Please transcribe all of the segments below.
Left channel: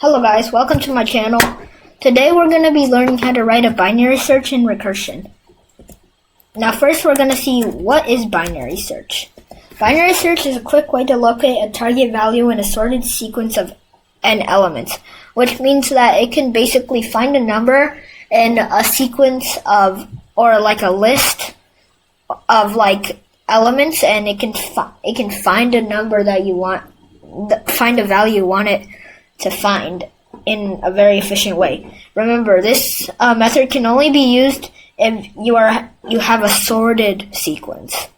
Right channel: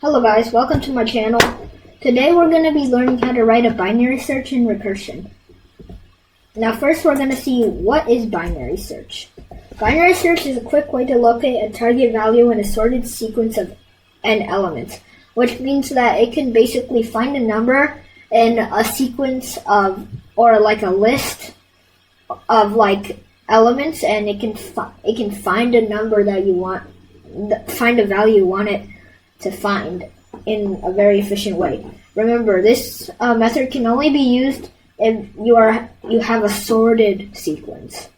Hello guys, welcome to my channel. Today we're going to be learning how to write a binary search in recursion. Now first we're going to see what is binary search. Binary search is a quick way to locate a target value in a sorted sequence of n elements, which means that it can basically find a number in a sequence of, or like a list of like elements, and it can find a number that you want, find a value you want it to find in a very efficient way. Remember, this method can only be used if you have a sorted sequence.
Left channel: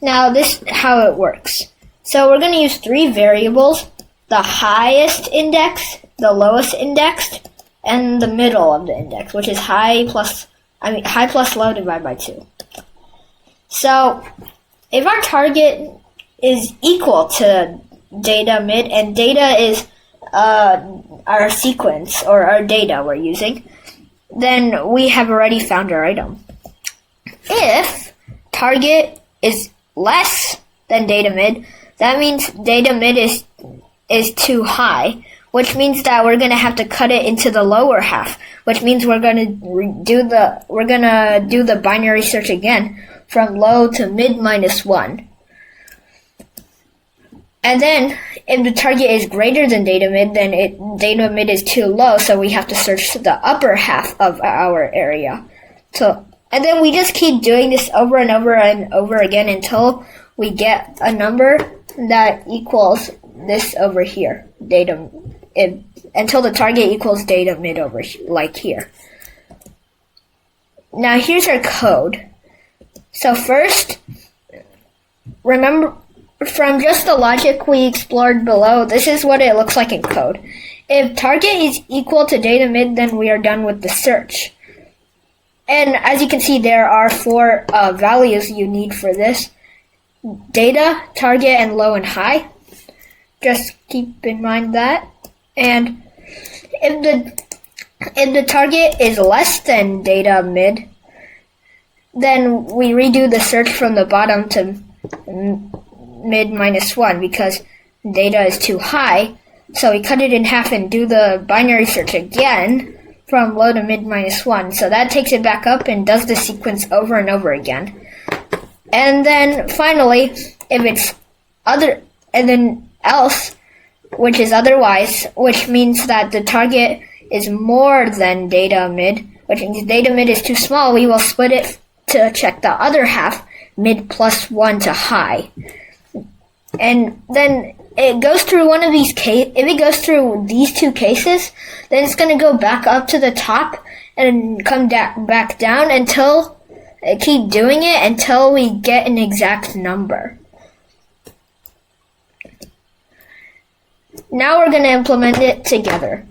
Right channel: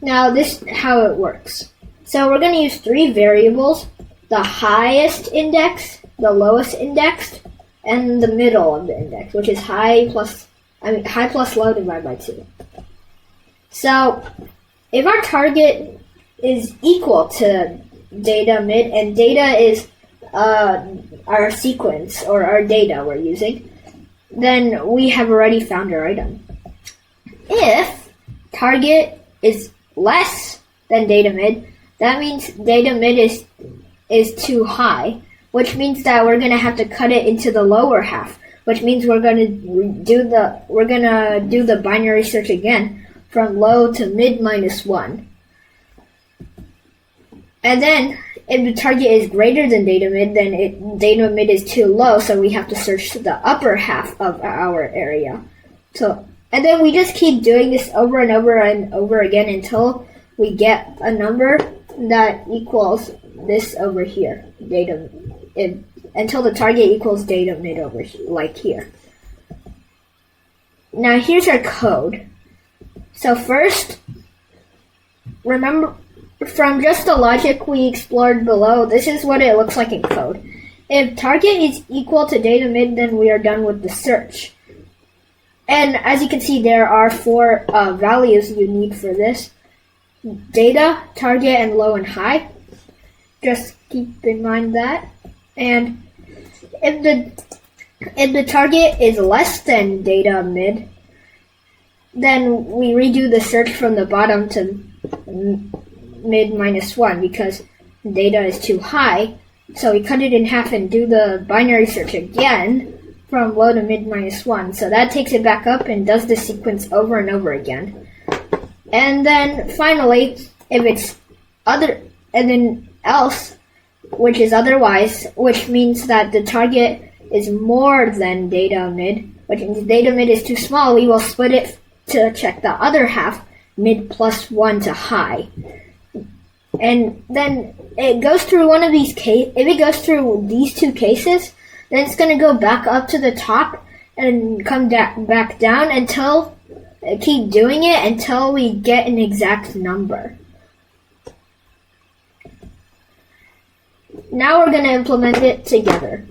Now this is how it works. So we're going to use three variables: the highest index, the lowest index, and the middle of the index, which is high plus low divided by 2. So if our target is equal to data mid, and data is our sequence or our data we're using, then we have already found our item. If target is less than data mid, that means data mid is too high, which means that we're going to have to cut it into the lower half, which means we're going to do the binary search again from low to mid minus 1. And then, if the target is greater than data mid, then data mid is too low, so we have to search the upper half of our area. And then we just keep doing this over and over and over again until we get a number that equals this over here, until the target equals data mid over like here. Now here's our code. So first, remember, from just the logic we explored below, this is what it looks like in code. If target is equal to data mid, then we are done with the search. And as you can see, there are 4 values you need for this: data, target, and low and high. Just keep in mind that. And if the target is less than data mid, then we redo the search from the bottom to mid minus 1, because data is too high, so we cut it in half and do the binary search again from low to mid minus 1. So that takes it back up and does the sequence over and over again. And then finally, if it's else, which is otherwise, which means that the target is more than data mid, which means data mid is too small, we will split it to check the other half, mid plus 1 to high. And then it goes through one of these cases. If it goes through these 2 cases, then it's going to go back up to the top and come back down until keep doing it until we get an exact number. Now we're going to implement it together.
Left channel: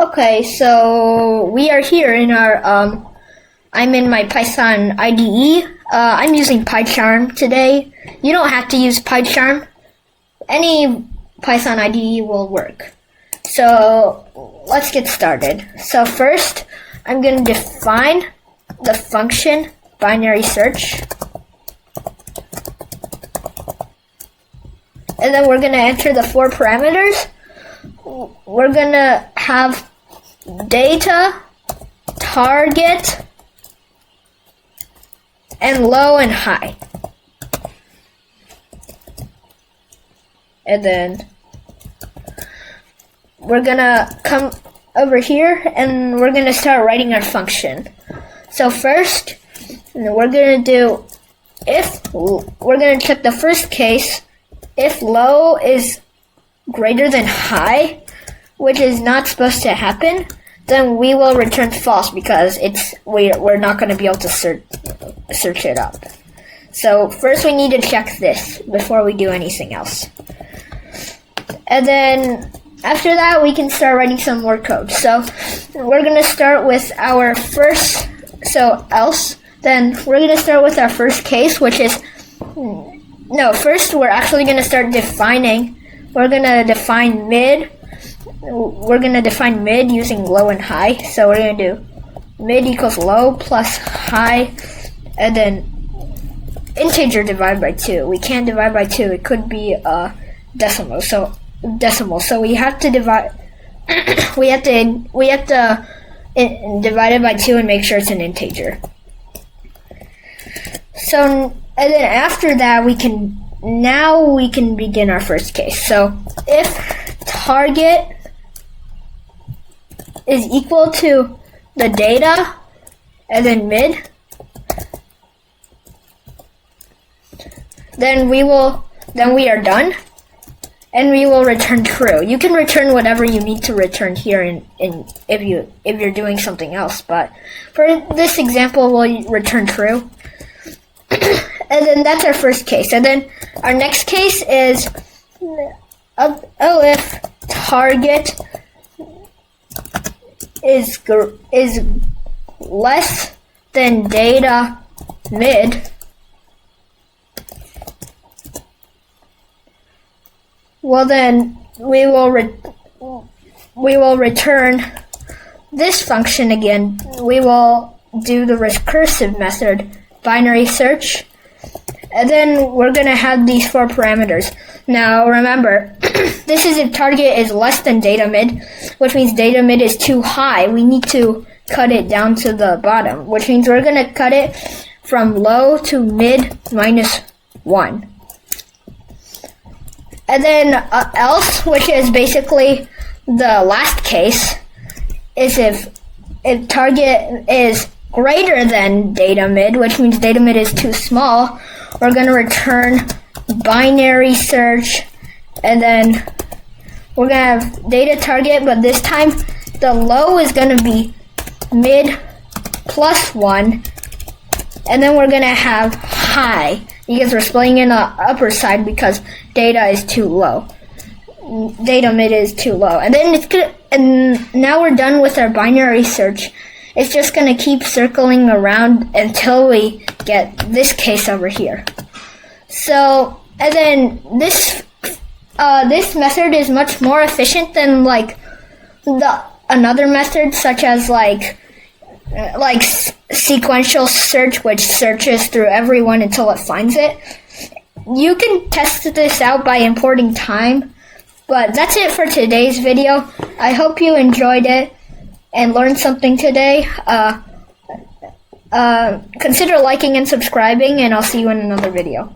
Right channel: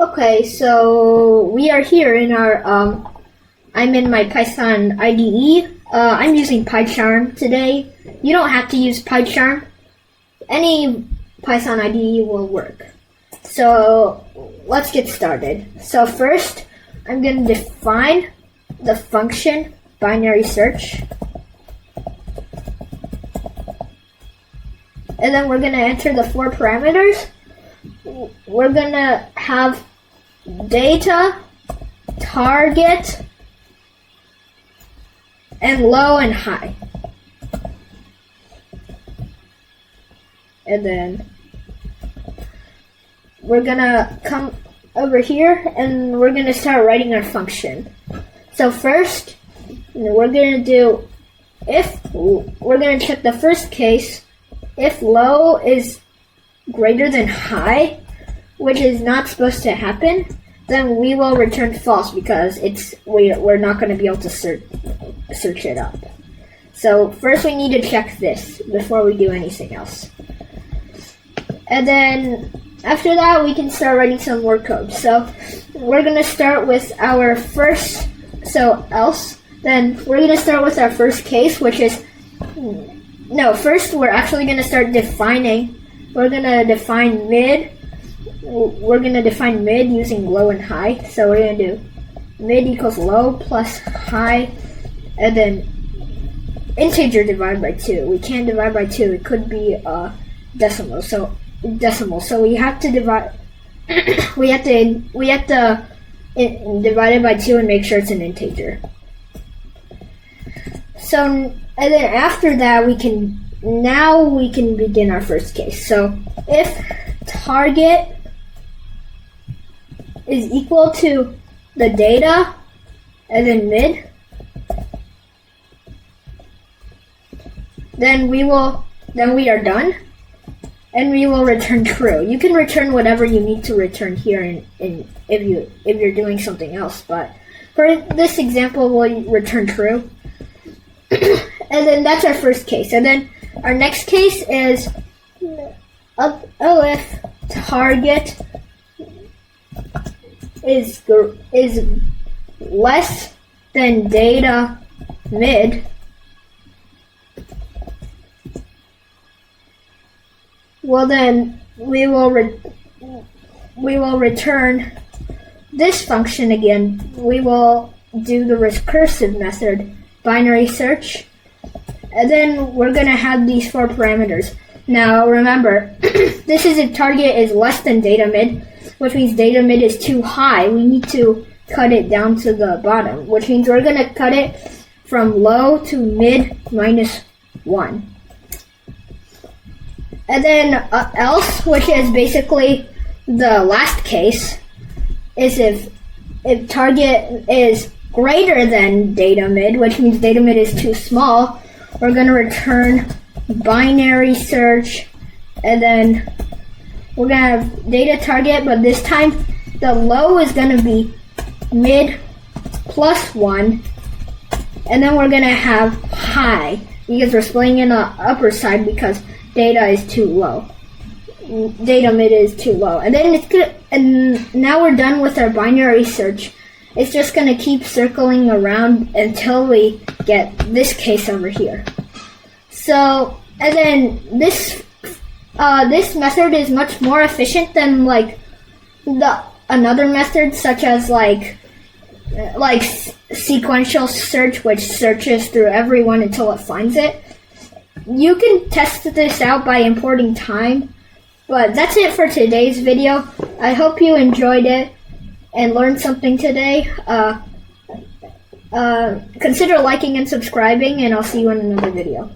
Okay, so we are here in our I'm in my Python IDE. I'm using PyCharm today. You don't have to use PyCharm. Any Python IDE will work. So let's get started. So first, I'm going to define the function binary search. And then we're going to enter the 4 parameters. We're going to have data, target, and low and high. And then we're gonna come over here and we're gonna start writing our function. So first, we're gonna check the first case. If low is greater than high, which is not supposed to happen, then we will return false, because we're not going to be able to search it up. So first we need to check this before we do anything else. And then after that we can start writing some more code. So we're going to start with our first, else. Then we're going to start with our first case, which is, first we're actually going to start defining, we're going to define mid. We're going to define mid using low and high. So we're going to do mid equals low plus high, and then integer divided by 2. We can't divide by 2. It could be decimal. So we have to divide. we have to divide it by 2 and make sure it's an integer. So, and then after that, we can begin our first case. So if target is equal to the data and then mid, then we are done, and we will return true. You can return whatever you need to return here if you're doing something else, but for this example, we'll return true. And then that's our first case. And then our next case is if target is less than data mid, well then we will return this function again. We will do the recursive method, binary search, and then we're going to have these 4 parameters. Now remember, this is if target is less than data mid, which means data mid is too high. We need to cut it down to the bottom, which means we're going to cut it from low to mid minus 1. And then else, which is basically the last case, is if target is greater than data mid, which means data mid is too small, we're going to return binary search, and then we're going to have data target, but this time the low is going to be mid plus 1, and then we're going to have high, because we're splitting in the upper side because data is too low. Data mid is too low. And then and now we're done with our binary search. It's just going to keep circling around until we get this case over here. So, and then this method is much more efficient than like another method, such as like sequential search, which searches through everyone until it finds it. You can test this out by importing time, but that's it for today's video. I hope you enjoyed it and learned something today. Consider liking and subscribing, and I'll see you in another video.